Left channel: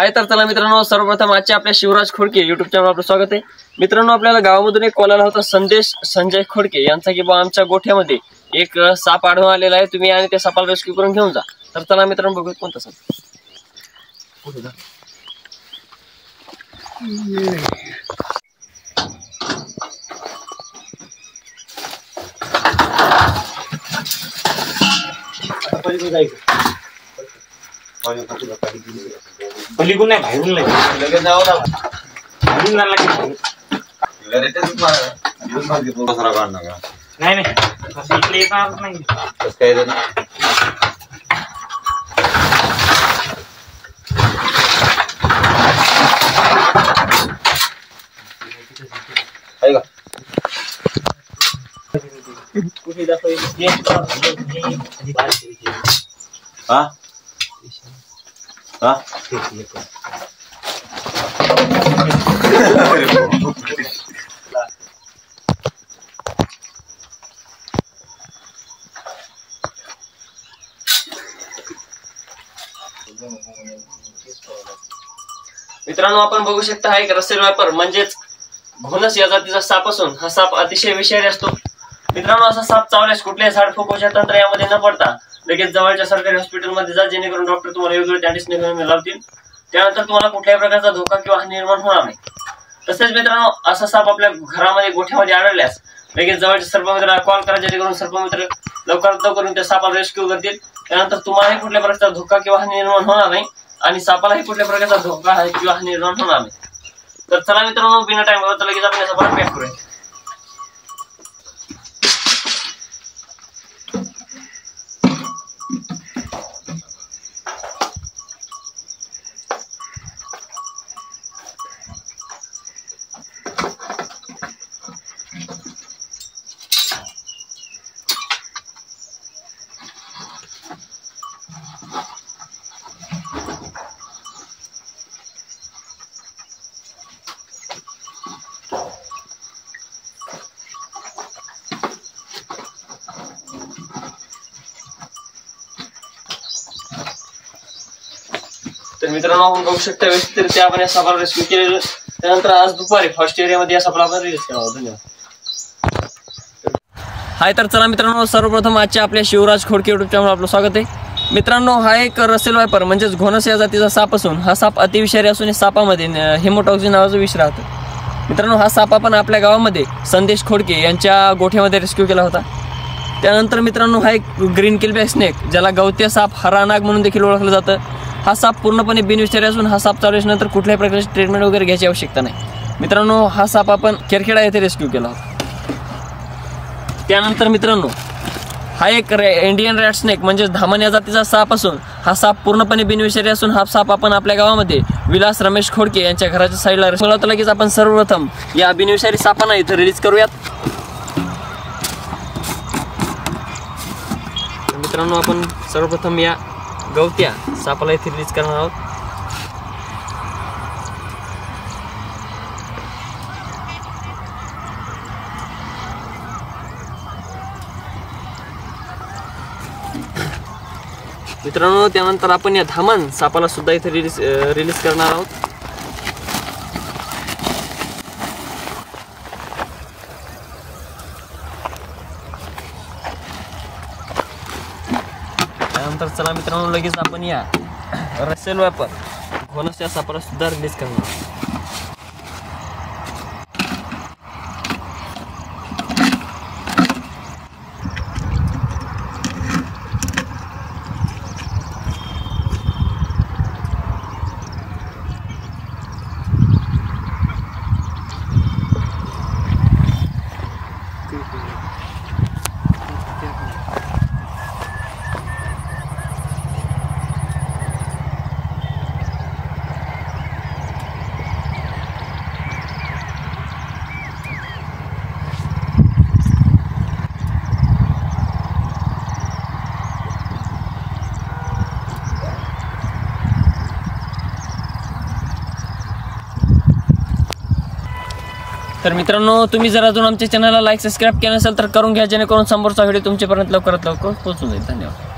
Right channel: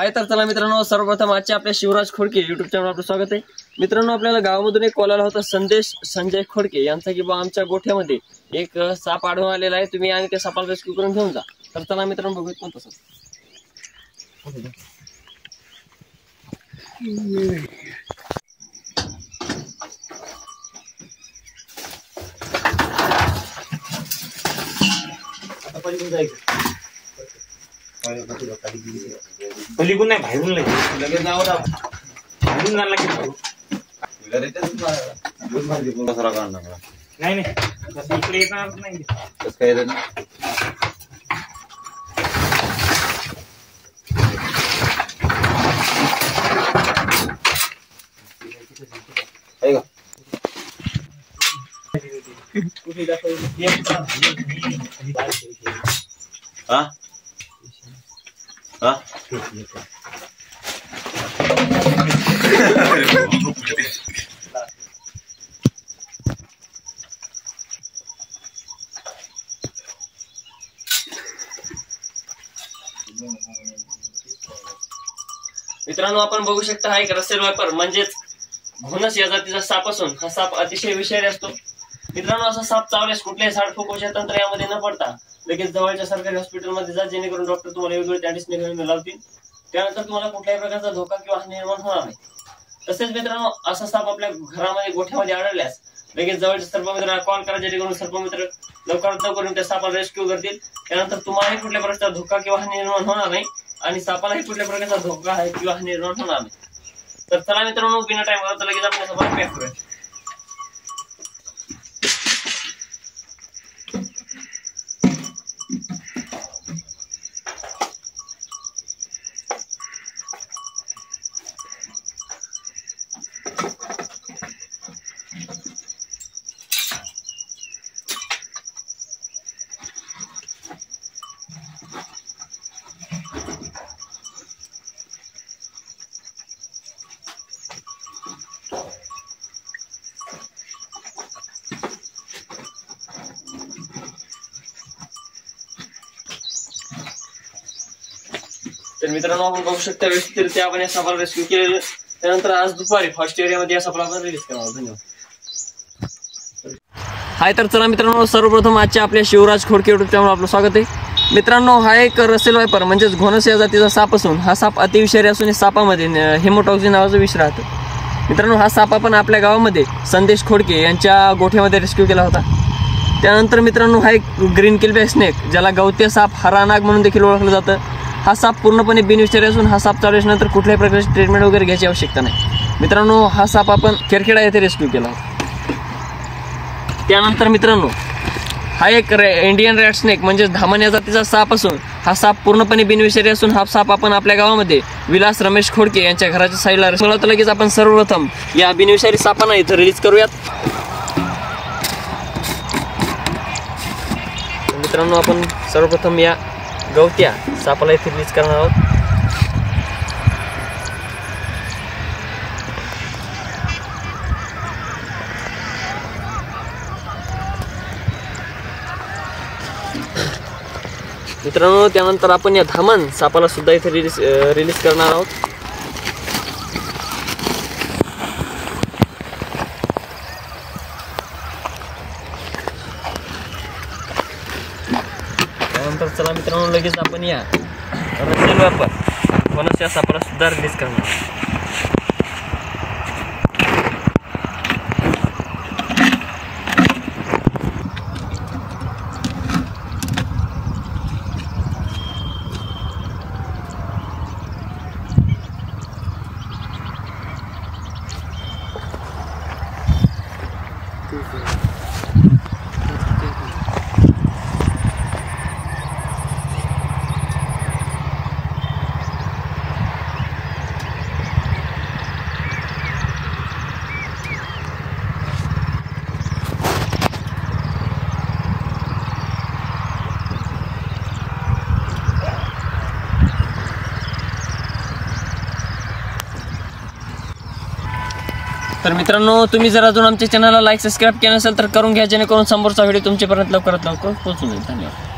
हाय तर चला मित्रांनो, सर्वप्रथम आजच्या आपल्या शिवराज खोडके युट्यूब चॅनल आपलं स्वागत आहे। मित्रांनो, आपल्याला गावामधून एक कॉल आला होता संदेश संजय खोडके यांचा की बा आमच्या गोठ्यामध्ये एक साप आढळून आलेला आहे, तुम्ही आणि त्या सापाला रेस्क्यू करून घेऊन जा। तर चला मित्रांनो, बघूया कोणता साप। पलीकडून नाही बाहेरून लगेच जाऊ ना बाहेरून जायला नाही नाही इकडे येणार नाही काय का हा हा मित्रांनो, आपण बघू शकता हा एक रसेल वायपर म्हणजेच घोणस या जातीचा साप असून हा साप अतिशय विषारी असतो। मित्रांनो, असा साप चावल्यास कुठल्याही झाडफुंकाच्या तंत्र यामध्ये न पडता लगेच जवळच्या सरकारी हॉस्पिटलमध्ये जा, जेणेकरून डॉक्टर तुम्हाला योग्य त्या लावतील। त्यानंतर तुम्हाला कुठल्याही प्रकारचा धोका किंवा हानी निर्माण होणार नाही। तसेच मित्रांनो, असा साप आपल्या घरामध्ये गोठ्यामध्ये आढळल्यास लगेच जवळच्या सर्पमित्राला कॉल करा, जेणेकरून सर्पमित्र लवकरात लवकर त्या सापाला रेस्क्यू करतील। त्यानंतर तुम्हालाही कुठल्या प्रकारचा धोका किंवा हानी निर्माण होणार नाही आणि सापालाही कुठल्या प्रकारचा धोका किंवा हानी निर्माण होणार नाही। तर चला मित्रांनो, बिना टाइम घालवता लगेच आपण या सापाला पॅक करूया। तर मित्रांनो, आपण बघू शकता व्यवस्थितरित्या आपण या सापाला रेस्क्यू केलेलं। त्यानंतर आज दुपारी फर्स्ट एरियामध्ये या सापाला आपण रिलीज केला। धन्यवाद। हाय तर चला मित्रांनो, सर्वप्रथम आजच्या आपल्या शिवराज खोडके युट्यूब चॅनल आपलं स्वागत आहे। मित्रांनो, हा एक रसेल वायपर म्हणजेच घोणस या जातीचा साप असून हा साप अतिविषारी असून या सापामध्ये हेमोटॉक्सिन नावाचं विष राहतं। मित्रांनो, हा साप आपण आपल्या गावामध्ये संदेश खोडके यांच्या गोठ्यामध्ये रेस्क्यू केला होता। त्यानंतर मित्रांनो, हा एक ग्रीन किलबॅक स्नेक ज्याला गवत्या साप हरानाग म्हणून देखील ओळखलं जातं, हा साप पूर्णपणे बिनविषारी असून हा साप चावल्यानंतर कुठल्याही प्रकारची ट्रीटमेंट वगैरे घ्यायची आवश्यकता नाही। मित्रांनो, हा साप आपण केरखेडा येथे रेस्क्यू केला होता। त्यानंतर मित्रांनो, हा एक इंडियन रॅट स्नेक म्हणजे धामण या जातीचा साप असून हा साप पूर्णपणे बिनविषारी असून हा साप आपण आपल्या गावामध्ये विलास रमेश खोडके यांच्या घराच्या साईडला तर लगेच आपण सर्वप्रथम या बिनविषारी सापांना इथं रिलीज करूयात। मित्रांनो, आपण सर्वप्रथम या गवत्या सापाला इथे रिलीज करणार आहोत। मित्रांनो, त्यानंतर आपण या धामण सापाला सुद्धा इथे रिलीज करणार आहोत। त्यानंतर चला मित्रांनो, लगेच आपण या रसेल वायपर घोणस या सापाला सुद्धा रिलीज करणार आहोत। तर मित्रांनो, तुम्ही जर अजून आमच्या चॅनलला लाईक सबस्क्राईब केलं नसेल तर करून घ्या, जेणेकरून समोरचा व्हिडिओ तुमच्यापर्यंत लवकरात लवकर पोहोचून जाईल। धन्यवाद।